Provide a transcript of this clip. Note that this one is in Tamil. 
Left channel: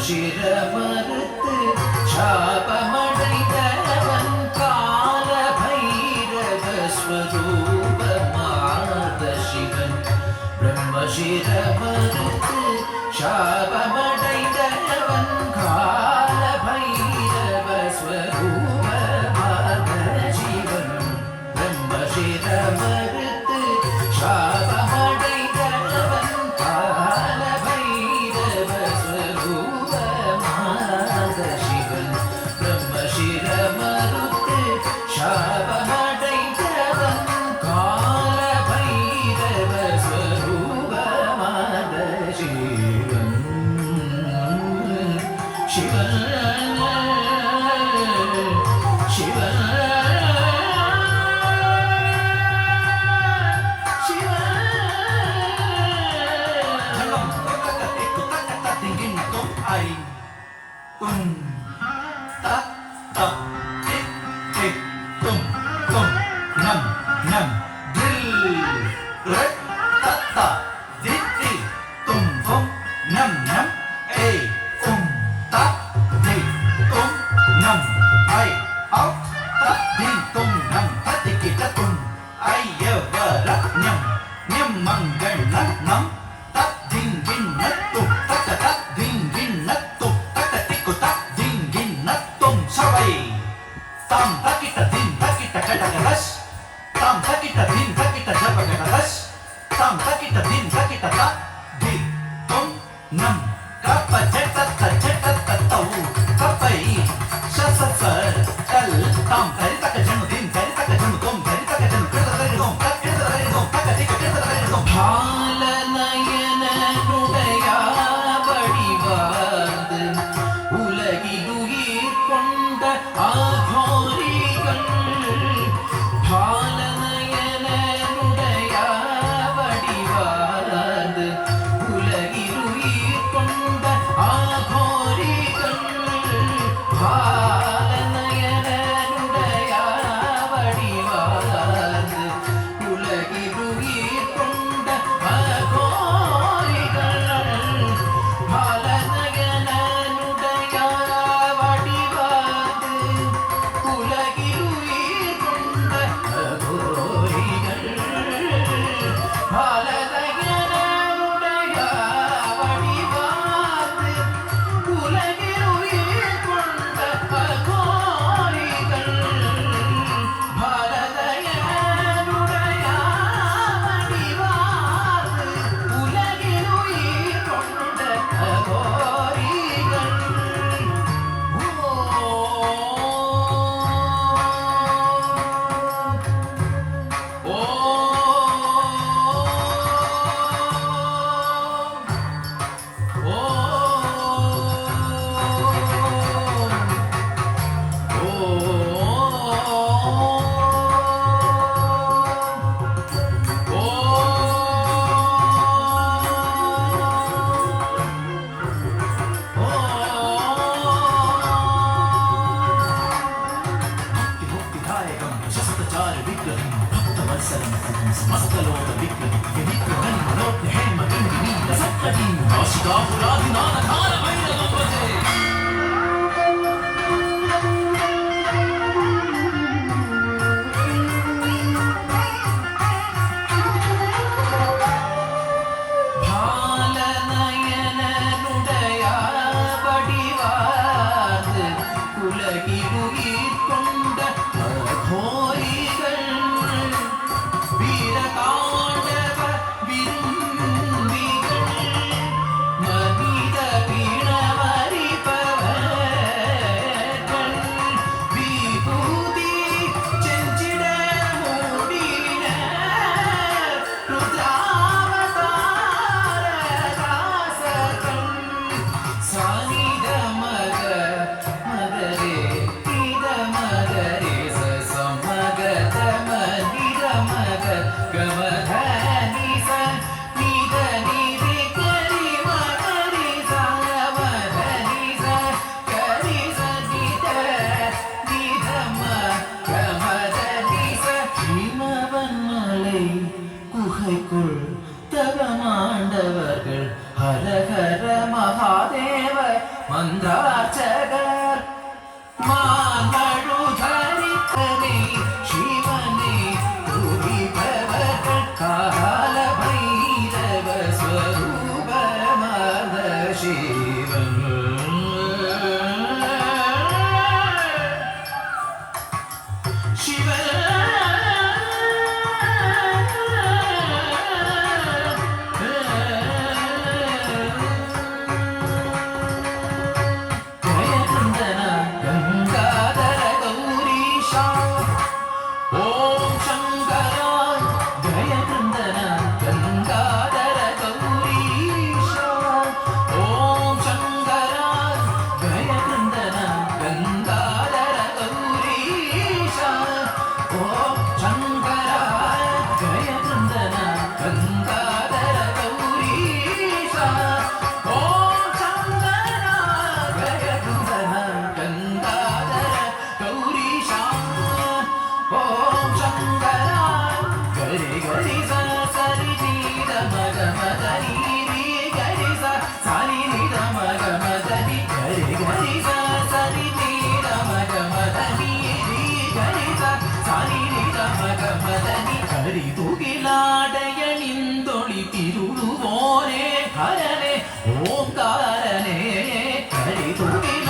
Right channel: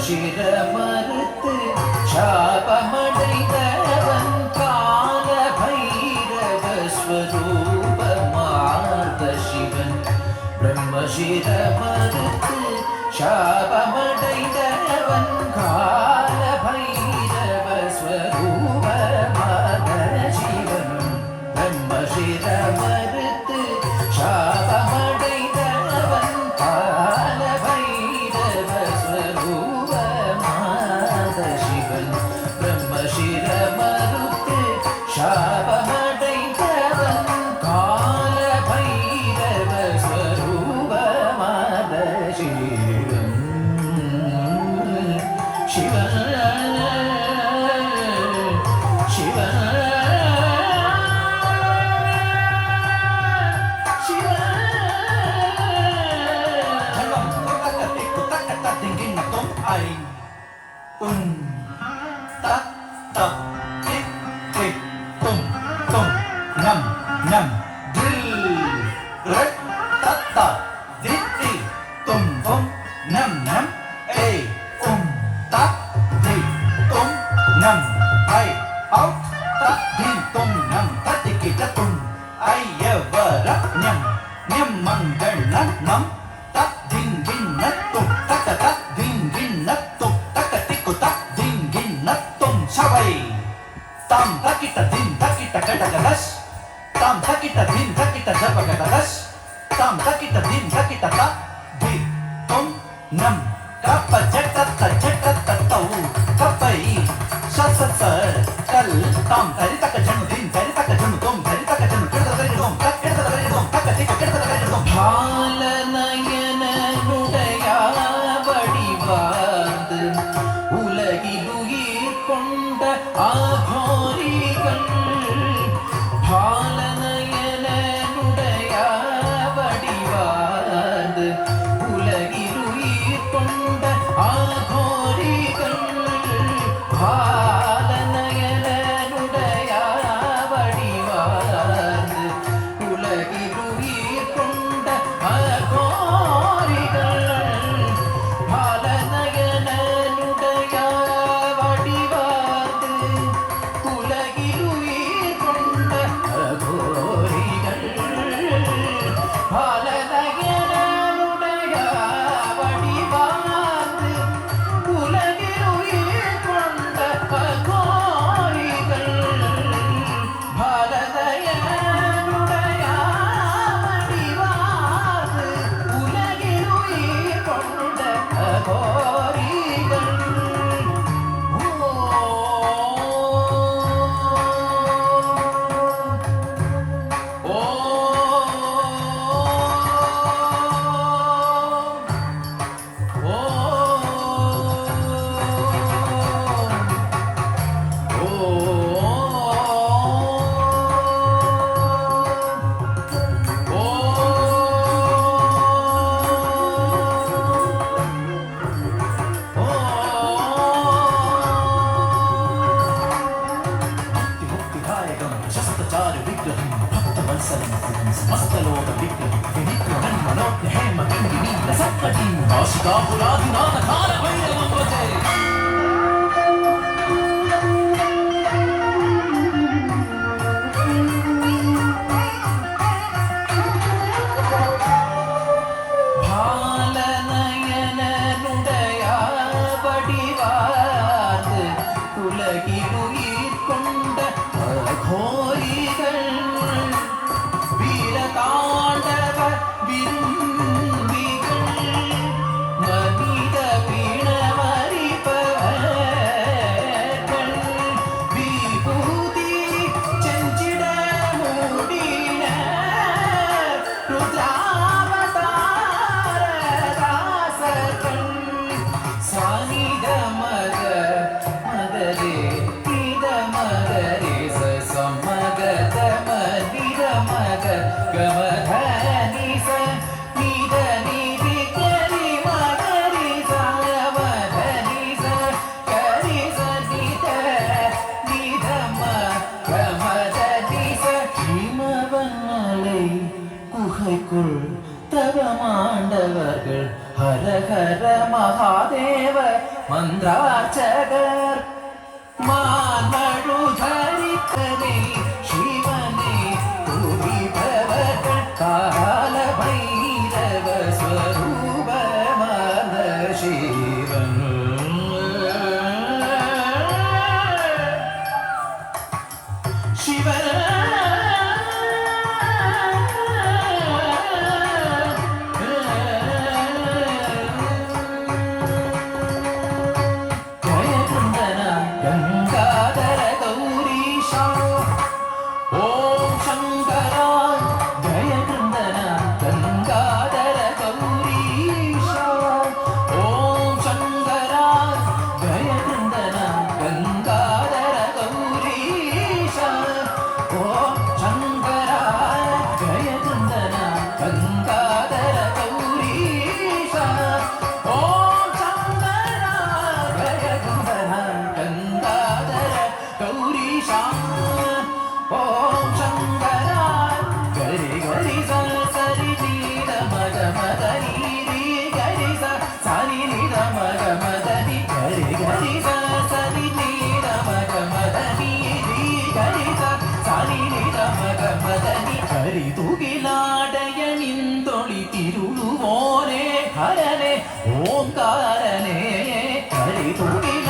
சிரமறுத்து சாபமடைந்தவன் கால பைரவ ஸ்வரூபமார்ந்த சிவன் பிரம்ம சிரமறுத்து சாபமடைந்தவன் கால பைரவ ஸ்வரூபமார்ந்த சிவன் பிரம்ம சிரமறுத்து சாபமடைந்தவன் கால பைரவ சிவன் பிரம்ம சிரமறுத்து சாபமடைந்தவன் கால பைரவ ஸ்வரூபமான சிவன் சிவன் சிவன் உலகிலுயிர் கொண்ட கோரிகள் வீரதாண்டவர் விரும்பிகள் மனித பிணமறிப்பவர்கள் விபூதி செஞ்சிட மூடின ருத்ராவதாரதாசர்கள் சானித மக மகரே நித மகரே சமகத மனித மக கமத நிச நித நிதி கரி மகரி சமத நிச கரி நித நித கமத நிச இமவன் மலை குகைக்குள் தவமாண்டவர்கள் ஹர ஹர மகாதேவ மந்தார்ச்சகர் மான்மழுதரிப்பதை சிவனே துதிப்பவர்கள் கால பைரவ ஸ்வரூபமான சிவன் गंगाधर गौरीशा ओम शंकरा जय वृंदना गंगाधर गौरीशा ओम शंकरा जय वृंदना गंगाधर गौरीशा ओम शंकरा जय वृंदना गंगाधर गौरीशा ओम शंकरा जय वृंदना गंगाधर गौरीशा ओम शंकरा गरि गरि सा सरि नी ध म ग म ध नि रि गरि सा सा नि नि ध म ग म ध नि गरि गरि सा सरि नी ध म ग म ध नि रि गरि सा सा नि नि ध म ग म ध नि हरि तुगिलाडयनिंदोळि तिरुळुवोने हरने ओंकारने हरि तुगिला